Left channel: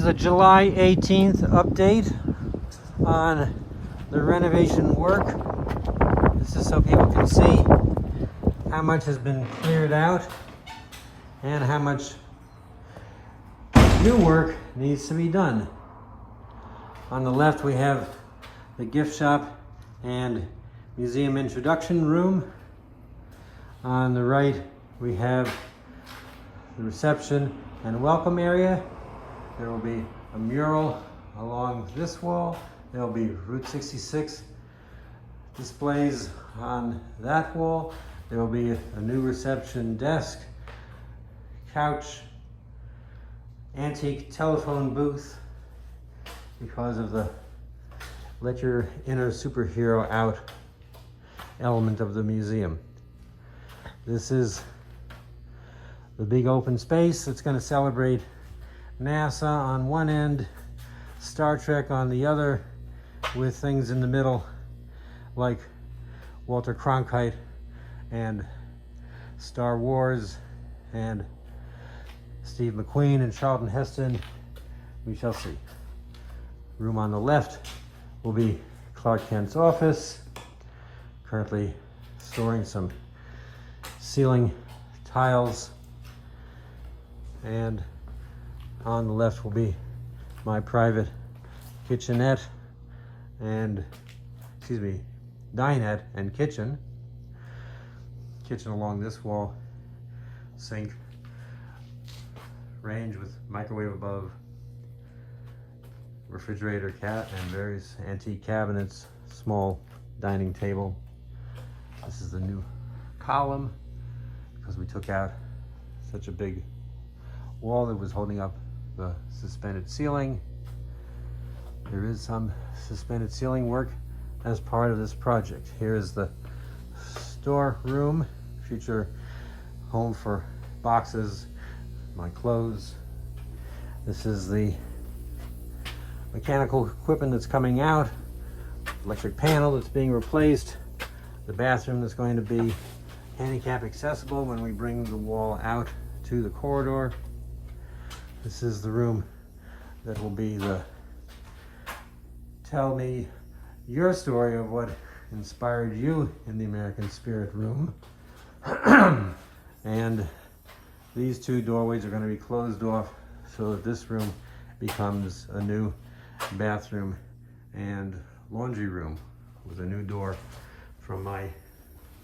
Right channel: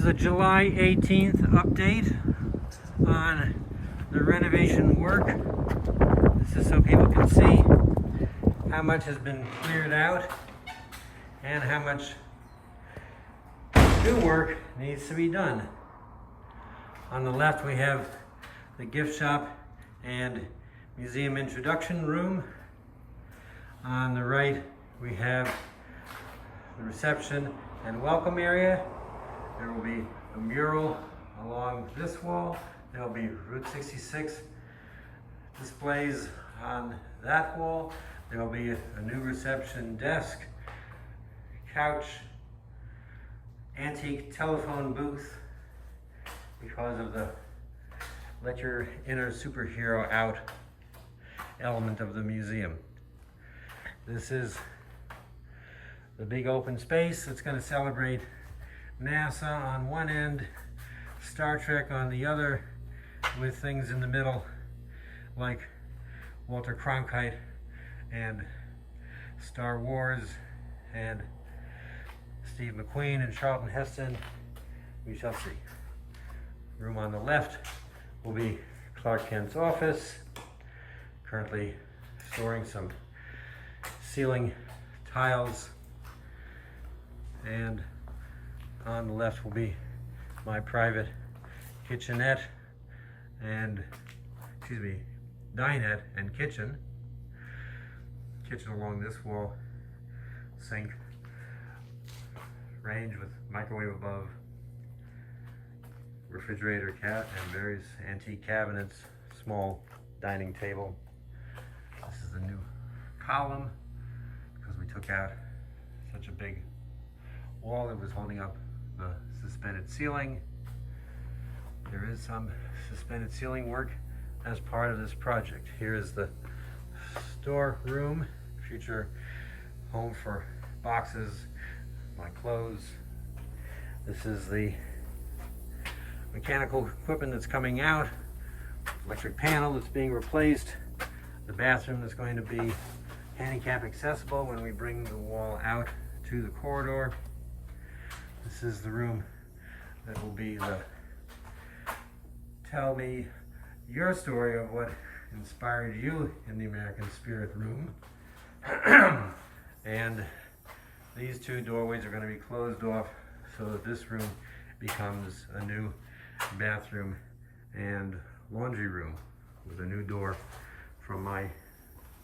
is a July 18th update on the renovation work. This is so people can see how much has been cleared out and how much new work needs to be done. On the left we have the gift shop and museum introduction room. On the right we have the reception and welcome area. There will be a mural along this wall. There will be Route 66 displays on that wall. There will be a new reception desk, couch, antique telephone booth because of the let your inner superhero out element of the museum. This is the big open space that's going to celebrate NASA on one end, Star Trek on the other, with things in the middle like Walter Cronkite and Star Wars and Steve McQueen and Charlton Heston. We shall see. Room on the left will be Clark Kent's office, currently storing some ceiling tiles, and on the left will be my private kitchenette and, dinette and kitchen. Kitchen along this wall, sink, range with microwave above, refrigerator and various antique cabinets, small dining table. This is the new column because we took out such a big wall that was holding up the suspended ceiling. There is some suspended ceiling work as part of this project. Here is the store room, future home for boxes, my clothes. This is the mechanical equipment that's coming out, electric panel that's being replaced, the bathroom that's going to be handicap accessible when we bring the wall out to the corridor. This is the room that will be the tell me your story of what inspired you in the American Spirit room. And these two doorways are going to be closed off so that this room becomes a new bathroom and laundry room with a new door from my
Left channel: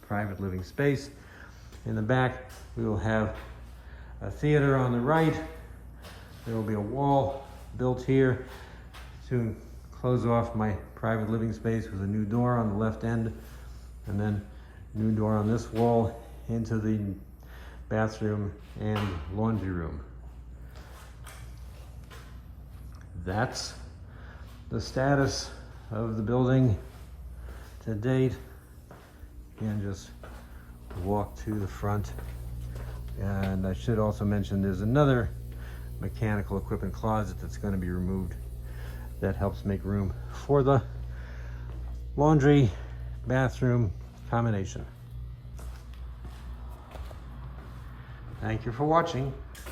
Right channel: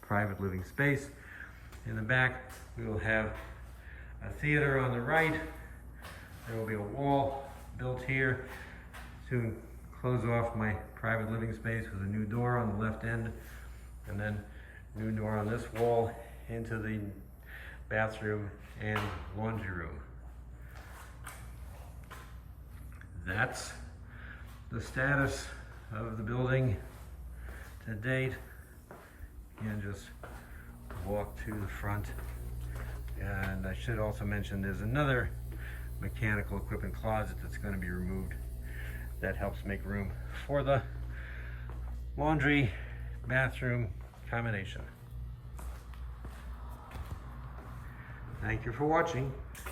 private living space. In the back we will have a theater on the right. There will be a wall built here to close off my private living space with a new door on the left end, and then a new door on this wall into the bathroom and laundry room. That's the status of the building to date. And just walk to the front. And I should also mention there's another mechanical equipment closet that's going to be removed that helps make room for the laundry bathroom combination. Thank you for watching.